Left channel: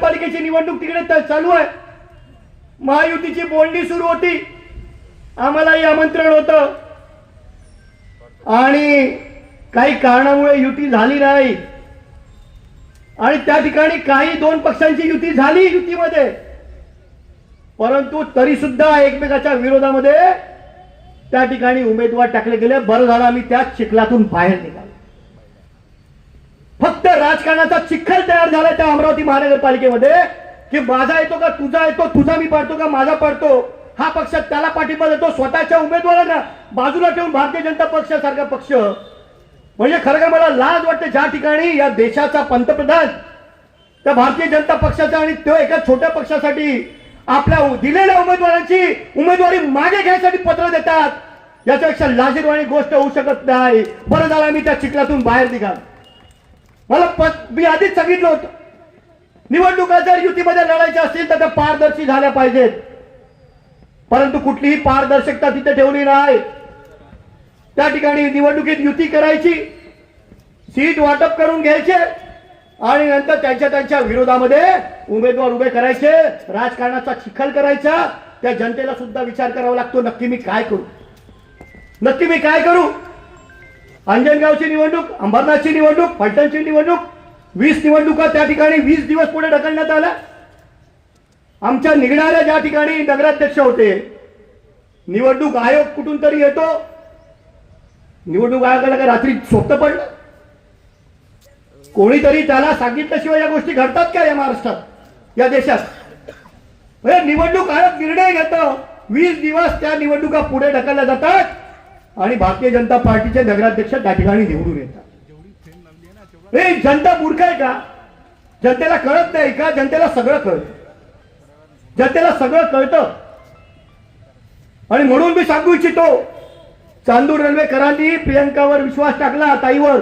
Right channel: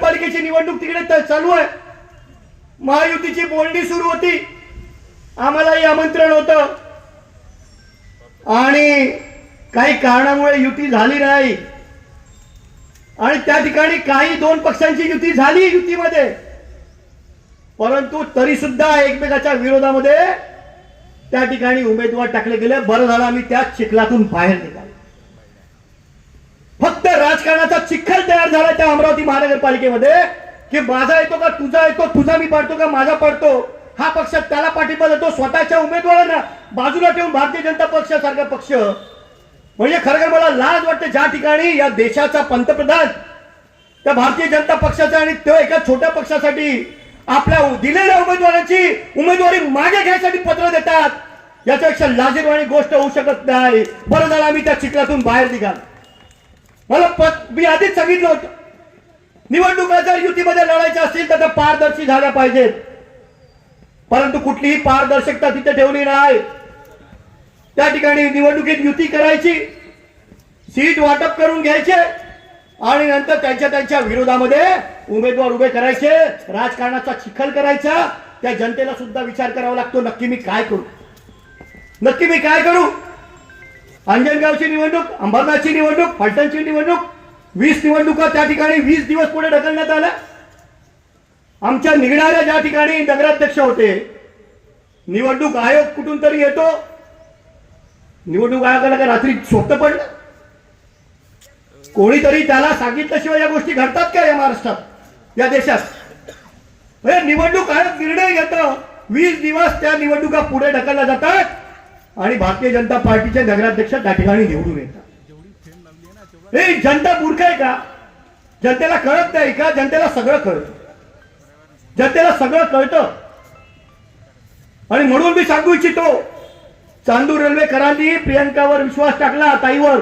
महानगरपालिकेची निवडणूक तिकडे चालू आहे. महायुतीची बोलणी सुरू होती, आम्हालाही आमंत्रण होतं आणि काही कारणामुळे युती झाली नाही आणि त्या ठिकाणी काही दोन पक्षांची युती झाली युतीमध्ये, परंतु तरी सुद्धा एकमेकाच्या विरोधामध्ये त्या ठिकाणी उमेदवार टाकले गेले. बरं झालं आम्ही त्या चिखलातून बाहेर निघालो. फक्त राजकारणाचा चिखल तयार झाला त्या अमरावती महानगरपालिकेमध्ये की माझा येतो का तुझा येतो, तुझा मी पडतो का माझा पडतो, हा पक्ष त्याला पाठिंबा देतो, स्वतःच्या उमेदवारांना बाजूला ठेवून भारतीय जनता पक्षासारखा पक्ष. म्हणजे खरं मला लाज वाटते ज्या ठिकाणी या देशाचा पंतप्रधान त्या भारतीय जनता पक्षाचा आणि तो एका छोट्या पक्षासाठी आपल्या दिलेल्या उमेदवारांची उमेदवारी मागे घ्यायसाठी पत्र देतात. याच्यापेक्षा लाजिरवाणी गोष्ट होऊ शकत नाही. बरं झालं आम्ही त्या चिखलातून बाहेर निघा. मला मी आधीच सांगितलं होतं, निवडणुका जर युतीमध्ये लढायच्या असतील तर त्या पारदर्शी झाल्या पाहिजेत, परंतु कुठलीही पारदर्शकता तिथे ठेवली नाही. त्या ठिकाणी निवडणुकीत युती करायची, सीट वाटप करून घ्यायचे आणि नंतर त्यांच्या विरोधामध्ये उमेदवार उभे करायचे, राजकारणाचा चिखल करायचा. त्या जनतेला सुद्धा विचार करावा लागतो, नक्की मी काय करू, नक्की मी काय करू. अंजनगावची निवडणूक, अंबरनाथची निवडणूक, फलटणची निवडणूक, 20 निवडणुका त्या ठिकाणी 20 दिवस पुढे ढकलण्यात आल्या. आमच्या निघणाऱ्या ज्या ठिकाणी नगराध्यक्ष होते, निवडणूक आयोग कुठून तरी येतो, निवडणूक आयोगाला काय रात्री स्वप्न पडलं, कोणीतरी त्याला सांगितल्याशिवाय या गोष्टी घडतात का या महाराष्ट्रात, या देशात. निवडणूक आयोग निर्णय घेतो, 20 दिवस त्या निवडणुका पुढे ढकलल्या जातात आणि भारतीय जनता पार्टीचे नगराध्यक्ष त्या ठिकाणी निवडून येतात. हे जनता मूर्ख आहे का? जनतेला कळत नाही का? जनतेला सगळं कळतं, जनतेला सगळं कळतं. आणि म्हणून मी सांगू इच्छितो, चांदूर रेल्वेकरांनी प्रियंकावर विश्वास टाकला, ताईवर,